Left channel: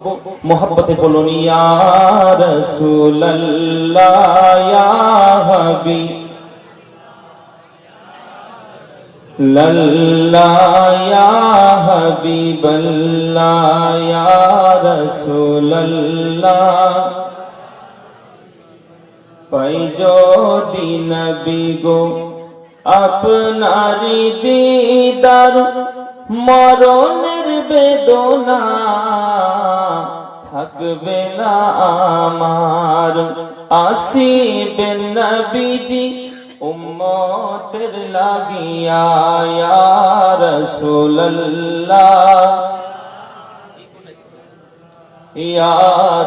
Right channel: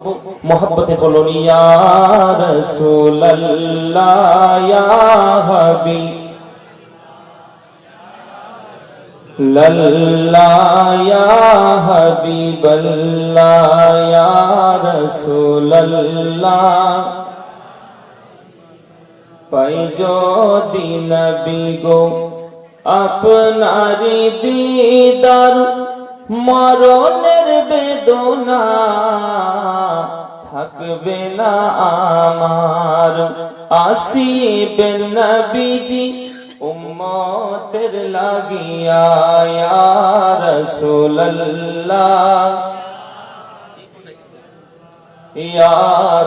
মোহব্বতে বলুন ইয়া রাসূলুল্লাহ ইয়া হাবিব লাল্লাহ ইয়া হাবিবাল্লাহ ইয়া রাসূলুল্লাহ পাই যদি নবী গো দিদার মরণের বেদনা থাকবে না আমার। আসিবেন নবীজি, উম্মতের লাগিয়া ইয়া রাসূলুল্লাহ। ইয়া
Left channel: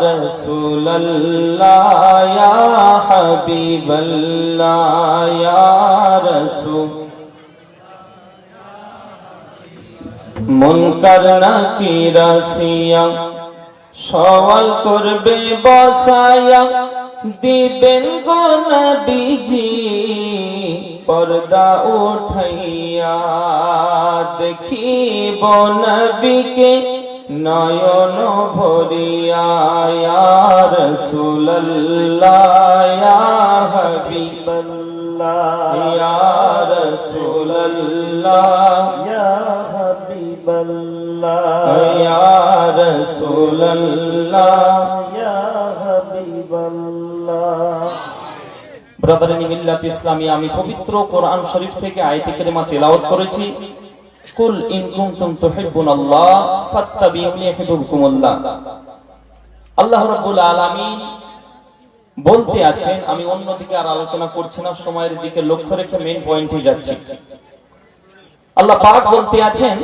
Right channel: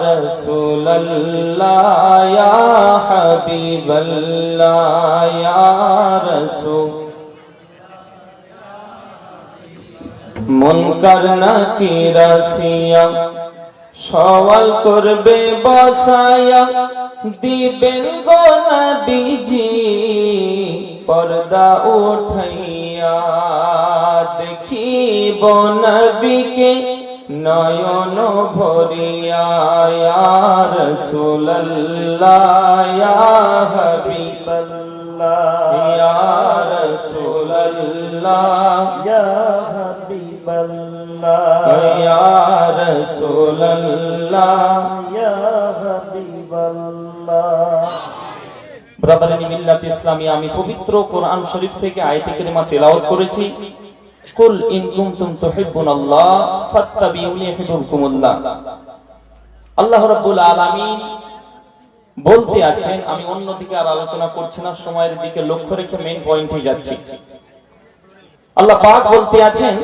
রাসূলুল্লাহ, ইয়া হাবিবাল্লাহ, ইয়া রাসূল। মুনকার নাকির আসিয়া সওয়াল করবে, বসায়া দিবেন গো নবীজি। পর্দা উঠাইয়া দেখিব নবীকে নয়ন ভরিয়া, ইয়া রাসূলুল্লাহ, ইয়া হাবিবাল্লাহ ইয়া রাসূলুল্লাহ। ইয়া হাবিবাল্লাহ। ইয়া রাসূলুল্লাহ ইয়া হাবিবাল্লাহ ব্রাদার মিল্লাত ইসলামী আমি পবিত্র কোরআন শরীফ থেকে আয়াতে কারিমা তেলাওয়াত করেছি। কুল ইন কুনতুম তুহিব্বুনাল্লাহ ফাত্তাবিউনি ইউহিব্বুকুমুল্লাহ। আল্লাহ রাব্বুল আলামিন বলতে আছেন আমি অন্যদিকে আর আলোচনা করছি না সময়ের দিকে লক্ষ্য রেখে মেইন পয়েন্টে যাচ্ছি। আল্লাহ পাক বলতে আছেন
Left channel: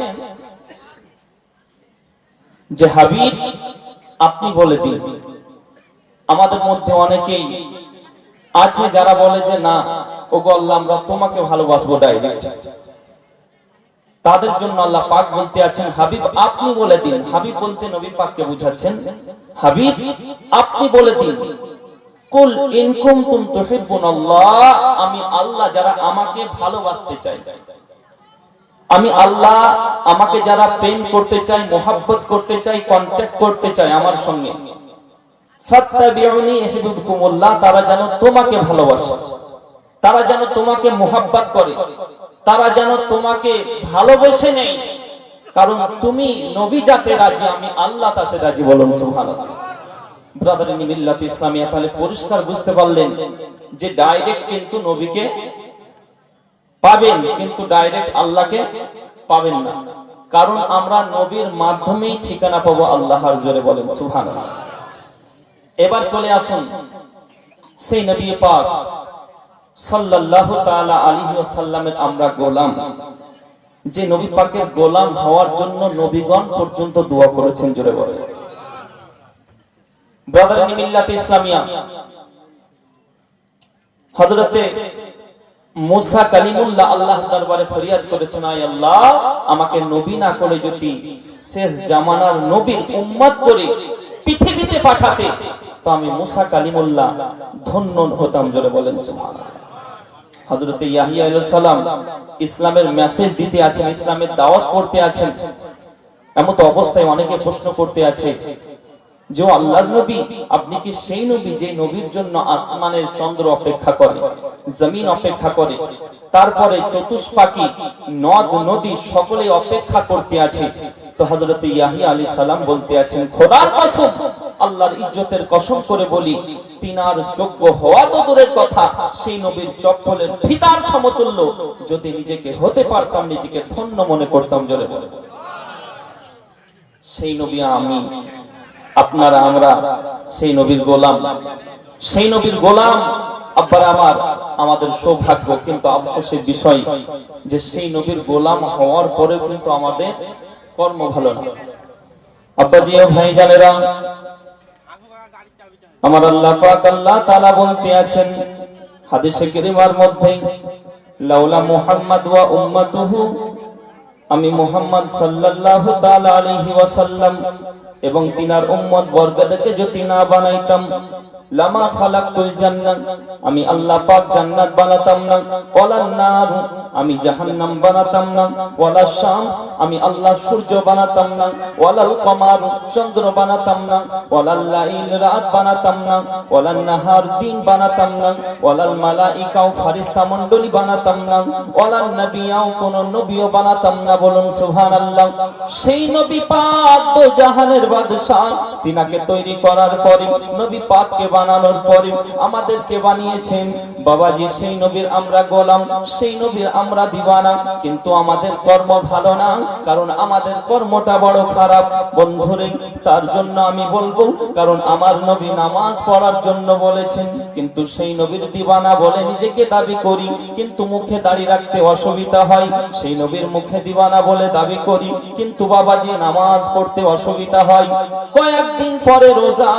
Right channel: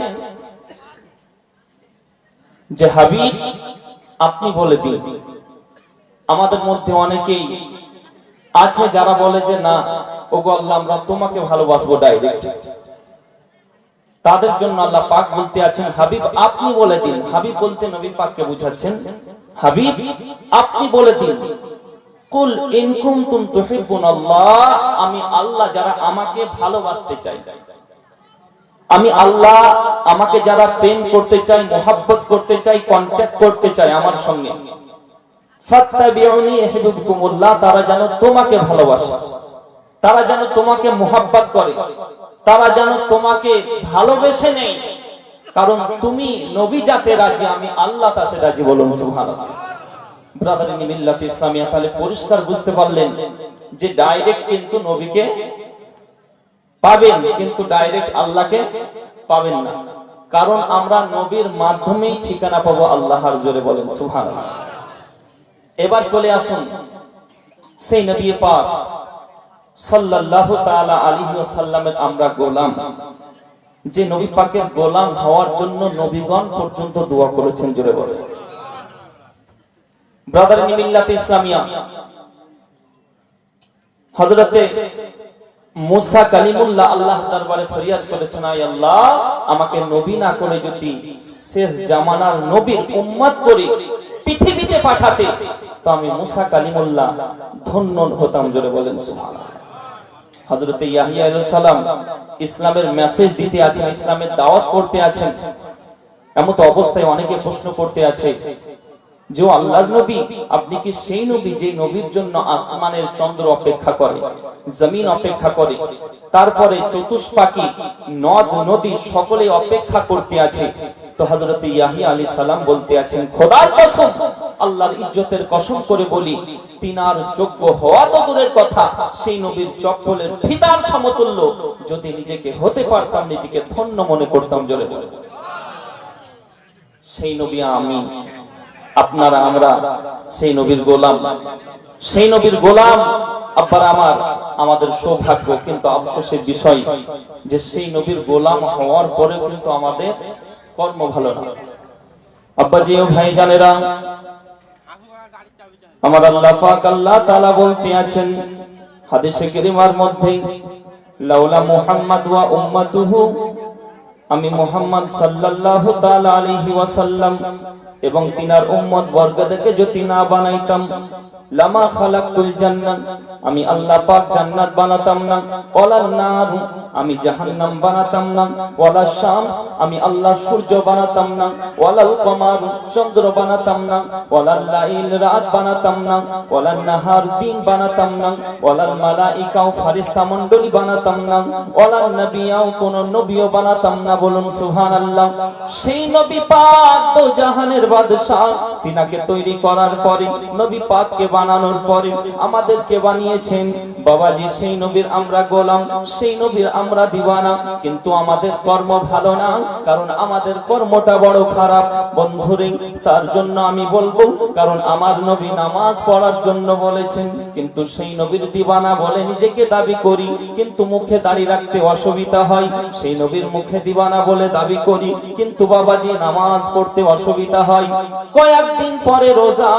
যে, হাবিব, আপনি বলে দিন। আমাদের মধ্যে অনেকেই আছে যারা বলে যে, না, ওগো আল্লাহ, আমরা তোমাকে ভালোবাসবো ডাইরেক্ট তাদের জন্য আল্লাহ পাক বলতে আছেন, হাবিব, আপনি বলে দিন। হাবিব বলতে নবী পাককে বুঝাচ্ছেন, হাবিব, আপনি বলে দিন। কুল ইন কুনতুম তুহিব্বুনাল্লাহ, আমি আল্লাহ যারা আমাকে ভালোবাসতে চাই আমি আল্লাহ আমাকে যারা প্রেম করতে চাই মোহাব্বত করতে চাই কন্ট্যাক্ট করতে চাই আমার সঙ্গে। তারা যেন তোমাকে ভালোবাসে। তারা যেন তোমাকে মোহাব্বত করে। তারা যেন তোমাকে ভালোবেসে নেই কারণ তুমি নবী যাতে রাজি, আমি আল্লাহ তাতে রাজি বলুন, সুবহানাল্লাহ। ব্রাদার ইসলামিয়া, তাহলে পরিষ্কার বুঝতে পারলেন যে ডাইরেক্ট কিন্তু নবীকে পাবেন, কিন্তু ডাইরেক্ট আল্লাহকে পাবেন না। কারণ আমরা নবীর মাধ্যমেই ঠিকানা পাবো আল্লাহর জোরে বলেন, সুবহানাল্লাহ। এবার চলে আসুন সেই নবী পাক আমরা গোলাম। যে নবী পাকের গোলাম হওয়ার জন্য নবীগণ পর্যন্ত দোয়া করেছেন জোরে বলে ব্রাদার ইসলামিয়া, হযরতে মুসা কালিমুল্লাহ আল্লাহ দরবারে ফরিয়াদ করেছেন, আয় আল্লাহ, আমাকে নবী না করে যদি শেষ জামানার নবীর উম্মত করে পৃথিবীতে পাঠাতে, তো আমি মুসা কালিমুল্লাহ ধন্য হতাম জোরে বলেন হযরতে ইয়াহিয়া সালাম ইসলামের মেসেজ দিতে আছেন, ইসলামের দাওয়াত করতে আছেন। এমন তো অবস্থায় অনেকে প্রশ্ন করতে আছে যে আল্লাহর নবী, আপনি কি সেই নবী যে নবীর জন্য আসমানের চন্দ্র অপেক্ষা করে, জমিন অপেক্ষা করে, তারপরে চতুষ্পাকি নদ, নদী সকলে অপেক্ষা করতে আছে? তো হযরত ইয়াহিয়া আলী সালাম বলতে আছেন, খোদার কসম, আল্লাহর ইজ্জতের কসম করে বলি, তিনার যোগ্য হওয়া তো দূরের কথা, সেই নবীর চপ্পলের ফিতার সমতুল্য, যদি নিজেকে হতে পারতাম, নিজেকে ধন্য মনে করতাম জোরে বলে। সেই নবী আমি। আপনারা, আমরা সেই নবীর গোলাম। সেই নবীর গোলাম আব্বার আমার, আমাদের সৌভাগ্য, কিন্তু আফসোসের বিষয় যে সেই নবীর গোলাম হওয়ার পরে কিন্তু আমাদের কর্ম ভালো না। আব্বাজি ভাই জানেরা, আমার আল্লাহ পাক আল্লাহ তাআলা বলতে আছেন হাদিসে কারিমার মধ্যে, লাউলা মুহাম্মদ ওয়া উম্মাতুহু, আমি মুহাম্মদ সাল্লাল্লাহু তাআলা আলাইহি ওয়াসাল্লাম এবং তিনার উম্মত বর্গদেরকে যদি না বানাইতাম, লামা খালাকতুল জান্নাত, আমি আল্লাহ পাক জান্নাত বানাতাম না। ওয়ালান নার আমি জাহান্নাম বানাতাম না, ওয়ালা শামস, আমি আল্লাহ সূর্য বানাতাম না, ওয়ালাল কমার চন্দ্র বানাতাম না, ওয়ালাল লাইল রাত বানাতাম না, ওয়ালাল নাহার দিন বানাতাম না, ওয়ালাল মালাইকা ও ফারিস্তা মণ্ডলী বানাতাম না, ওয়ালাল নবিয়াও কোন নবীও বানাতাম না, বলুন সুবহানাল্লাহ। সেই নবী পাক তো জাহানের বাদশা তিনাকে তৈরি করার পরে, নবী পাককে বানানোর পরে আমাদেরকে বানিয়েছেন। বাবাজি, সেই নবীর আমরা গোলাম, সেই নবীর আমরা দিবানা, কিন্তু আমাদের কর্ম ভালো না, কারণ আমাদের কর্মটা বড় খারাপ। বন্ধুরে, তার জন্য আমি বলব, কারণ আমার নবী নামাজ পড়ার জন্য বলেছেন, কিন্তু সেই নবীর দিবানা বলে নিজেকে দাবি করি, কিন্তু মুখে দাঁড়িয়ে রাখতে অসুবিধা হয়। সেই নবীর মুখে দিবানা বলে দাবি করি, কিন্তু বাবাজি নামাজ পড়তে অসুবিধা হয়। কয়েকদিন পরে রোজা,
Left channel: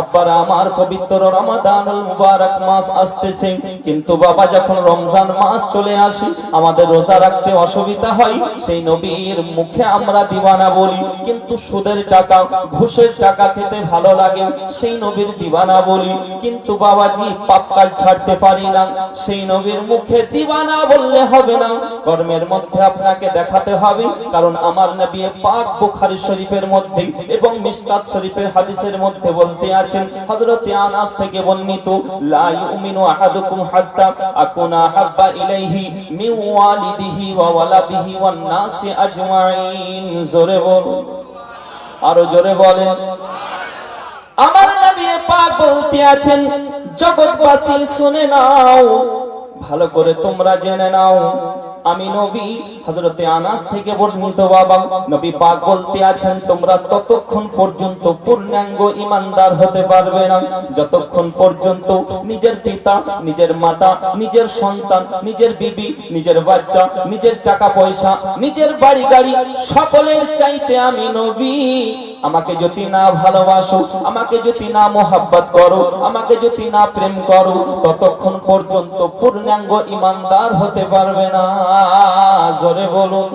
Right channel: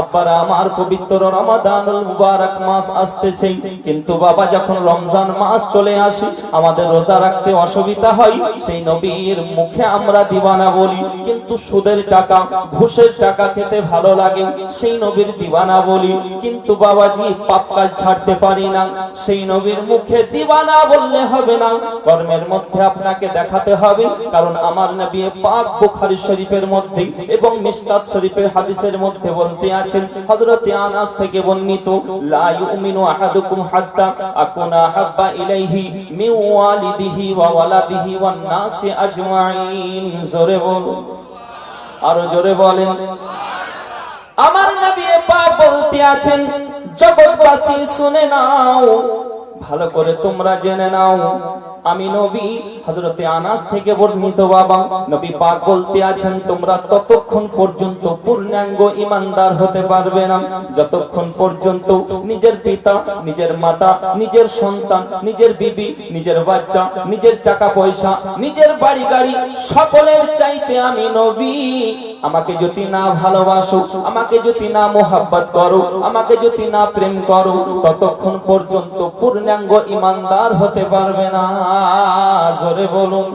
আব্বারা আমার পবিত্র রমাদানুল মুবারক মাস আসতেছে, কিন্তু বাবা যখন রমজান মাস চলে আসে আমাদের রোজা রাখতে অসুবিধা হয়, সেই নবীর মুখে আমরা দিবানা বলি, কিন্তু সুদের টাকা, ঘুষের টাকা খেতে ভালো লাগে, সেই নবীর দিবানা বলি, কিন্তু বাবাজি পাপ কাজ ছাড়তে পারি না, সেই নবীর মুখে দিবানা বললে হবে না, কর্মের মধ্যে আপনাকে দেখাতে হবে, কারণ আমার নবী পাক বুখারী শরীফের মধ্যে এবং মিশকাত শরীফের হাদিসের মধ্যে বলতে আছেন, হযরতে আনাস থেকে বর্ণিত, লা ইউমিনু আহাদুকুম হাত্তা আকুনা হাব্বা ইলাইহি মিন ওয়ালিদিহি ওয়া ওয়ালাদিহি ওয়ান নাসি আজমাইন। জোরে বলুন আরও জোরে বলেন। আমার নবী পাক বলতে আছেন, জগৎবাসী শুনে নাও। ভালো করে তোমরা জেনে নাও। আমি নবী, হযরতে আনাস থেকে বর্ণিত বাবা। নবী পাক বলতে আছেন, তোমরা ততক্ষণ পর্যন্ত পূর্ণাঙ্গ ইমানদার হতে পারবে না। যতক্ষণ পর্যন্ত নিজের পিতা, নিজের মাতা, নিজের সন্তান, নিজের বিবি, নিজের বাচ্চা, নিজের টাকা পয়সা, নিজের বাড়ি গাড়ি, সকলের চাইতে আমি নবী। আমাকে যদি না ভালোবাসো, আমাকে যদি না মোহাব্বত করো, আমাকে যদি না প্রেম করো, ততক্ষণ পর্যন্ত পূর্ণাঙ্গ ইমানদার হতে পারবে না। জোরে বলুন।